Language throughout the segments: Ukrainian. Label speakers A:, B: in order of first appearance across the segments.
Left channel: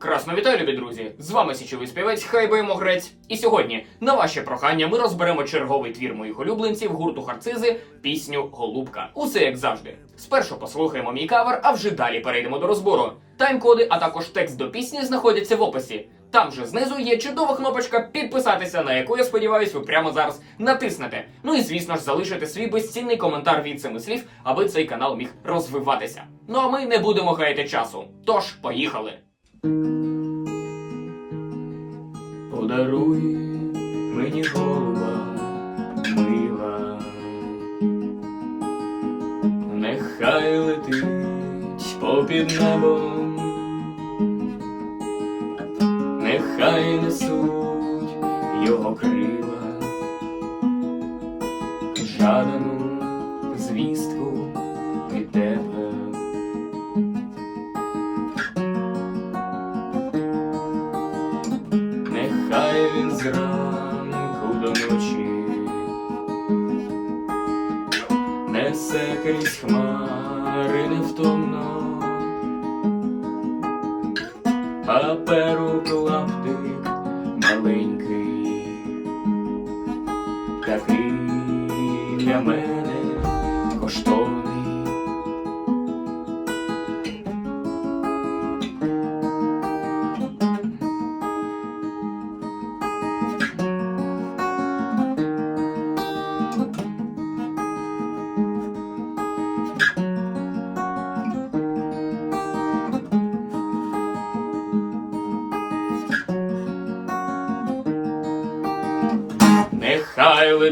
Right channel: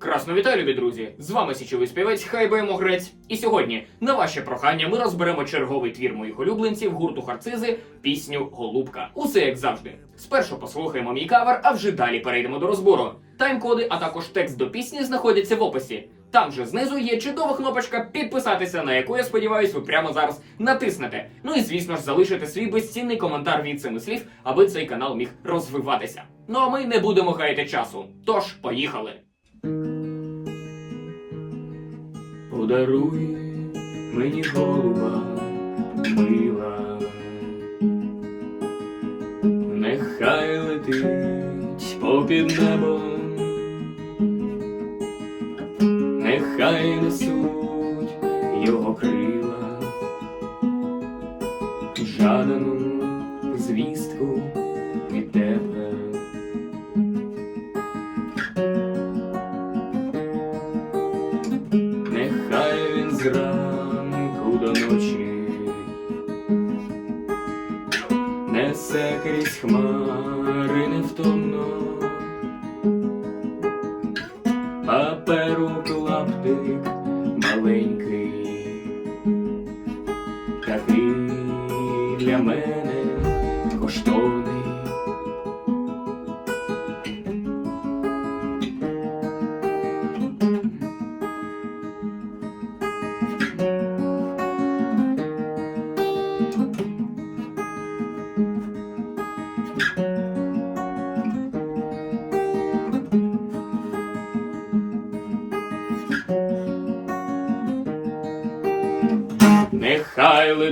A: Красно вітаю, любі друзі! З вами січовий співець Хайбоємо Грець. І сьогодні, на ваше прохання, ми розберемо черговий твір моїх улюбленців гурту Харцизи пісню Голубка. Усе як завжди. Спершу послухаємо мій кавер, а вже далі перейдемо до розбору. Тайм-коди, а також текст до пісні знаходяться в описі. Там же знизу є чудова кнопочка підписатися, на яку я сподіваюсь, ви прямо зараз натиснете. Ну і звісно ж залишити свій безцінний коментар від цими слів, аби цей канал міг розвиватися. Ну а ми не будемо гаяти часу. Тож, поїхали! Подаруй мені голуба мила, нехай летить попід небом, нехай несуть його крила, жадану звістку паперу клаптик маленький,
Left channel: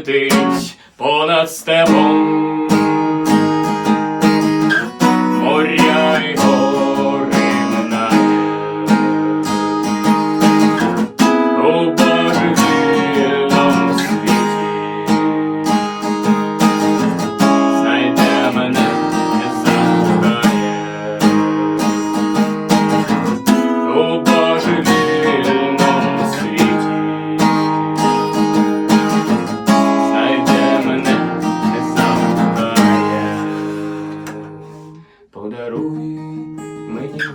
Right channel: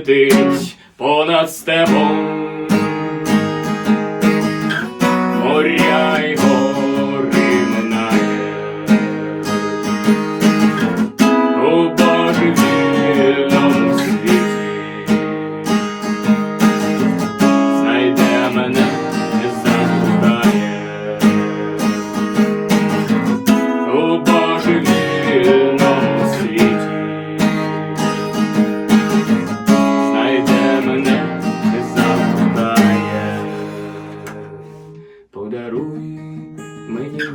A: летить понад степом,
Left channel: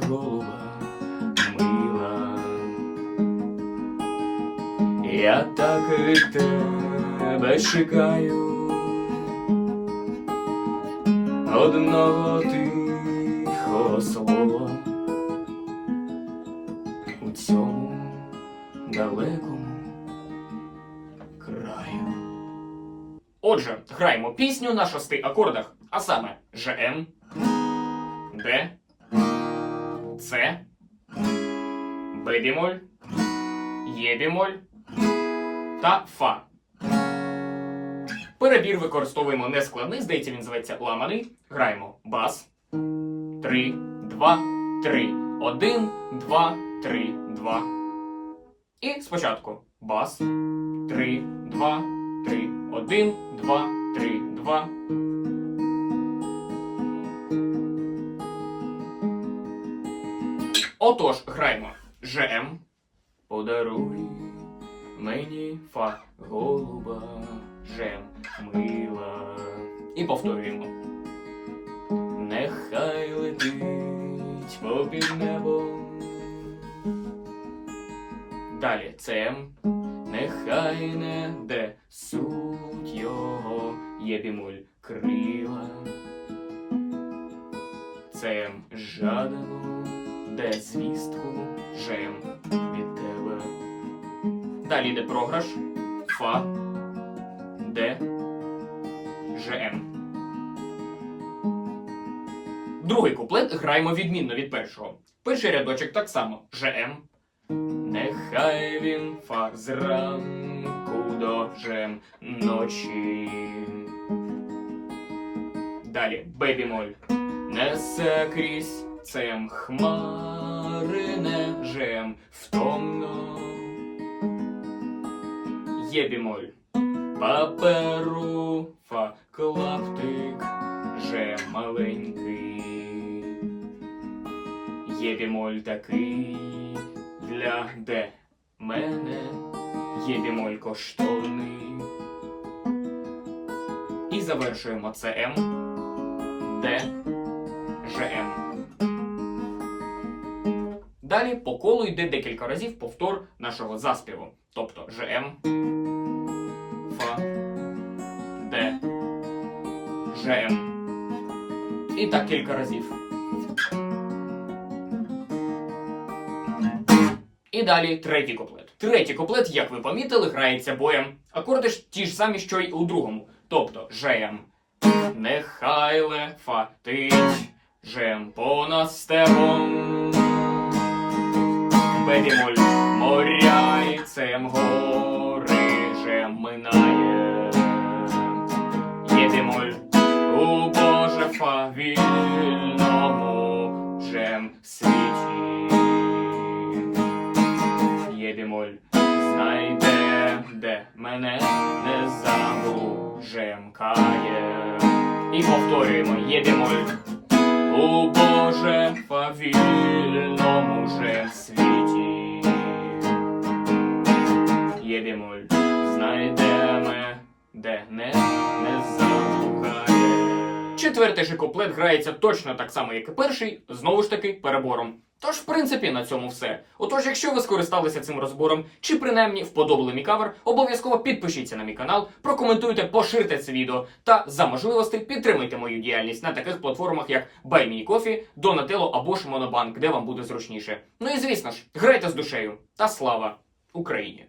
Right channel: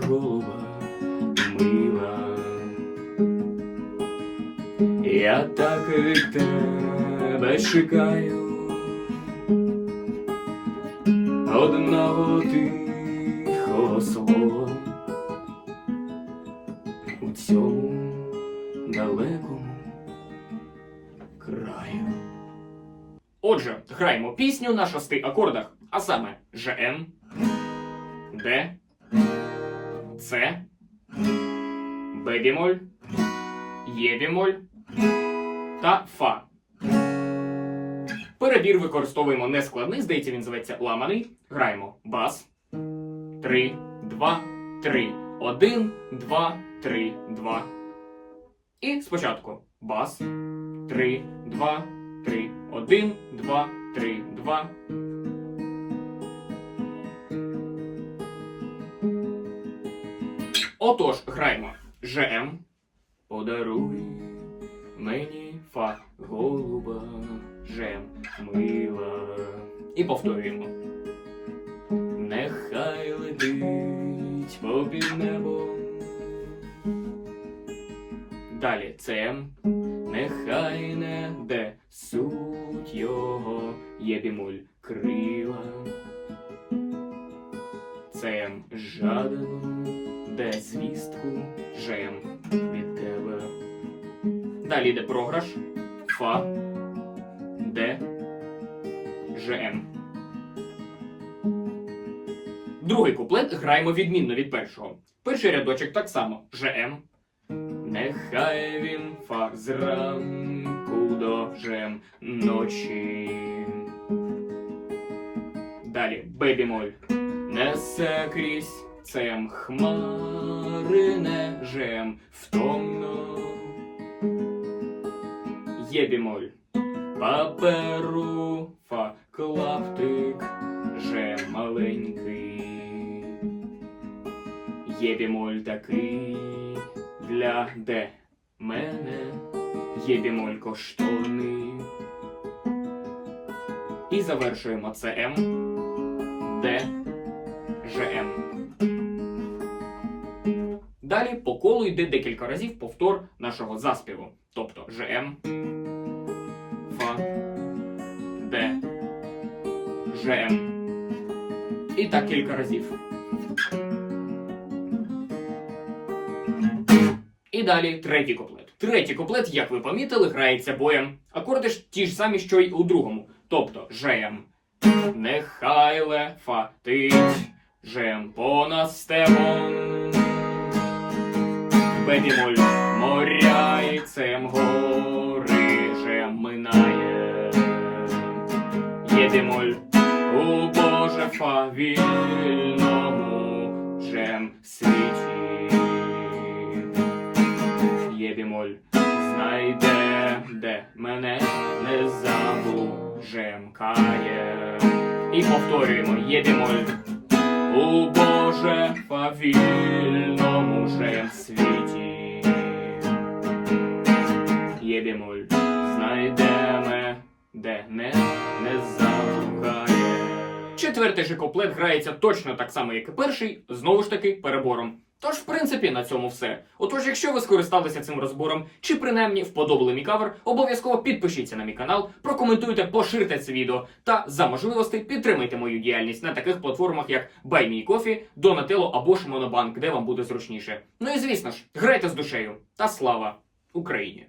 A: голуба мила. Я так від тебе чекаю одного тихого слова у цьому далекому краю. Отже, граємо пісню на шести акордах, а саме ЖМ, Д, С, Б бімоль, Є бімоль та Фа. Перебір використовуємо нескладний, здається, він зветься ламаний. Граємо бас. 3, 2, 3. 1, 2, 3, 2. І спочатку бас. 3, 2, 3, 1, 2, 3, 2. Отож, граємо ЖМ. Подаруй мені фа голуба, жем мила. І повторюємо. Нехай летить попід небом. Далі ЦМ. Нехай не де суть його є бімоль крила. Цем жадану, де звістку жем від тебе. Далі йде програш, фа, де, жм. Другий куплет граємо відмінно від першого. Перший рядочок так само жм. Нехай він фа зранку до жем ночі. Далі бебімоль. Несе крізь цем хмари не жем втомно. Є бімоль. Паперу фа клаптик жем маленький. Є бімоль такий для де мене є бімоль коштовний. І завершуємо ЦМ, Д, ЖМ. Далі по колу йде декілька разів повтор нашого заспіву. Тобто ЖМ, Фа, Д, ЖМ. І так кілька разів. І далі третій куплет. Третій куплет, як ви помітили, грається боєм. Акорди ж ті ж самі, що й у другому. Тобто ЖМ. Нехай лефатить, жем понад степом. Бедімоль моря і цем гори минає. Єдемоль у Боже фа вільному жем світі. Єбімоль знайде, де мене не забужемкає. І повторюємо єбімоль у Боже фавільному же світі. Четвертий же куплет грається точно так само, як і перший, знову ж таки перебором. Тож, в принципі, на цьому все. Отож, якщо ви скористалися цим розбором, чи принаймні вподобали мій кавер, обов'язково підпишіться на мій канал, прокоментуйте, поширте це відео та за можливості підтримайте мою діяльність на таких платформах, як BuyMeCoffee, Donatello або ж де вам буде зручніше. Ну і звісно ж, грайте з душею та слава Україні!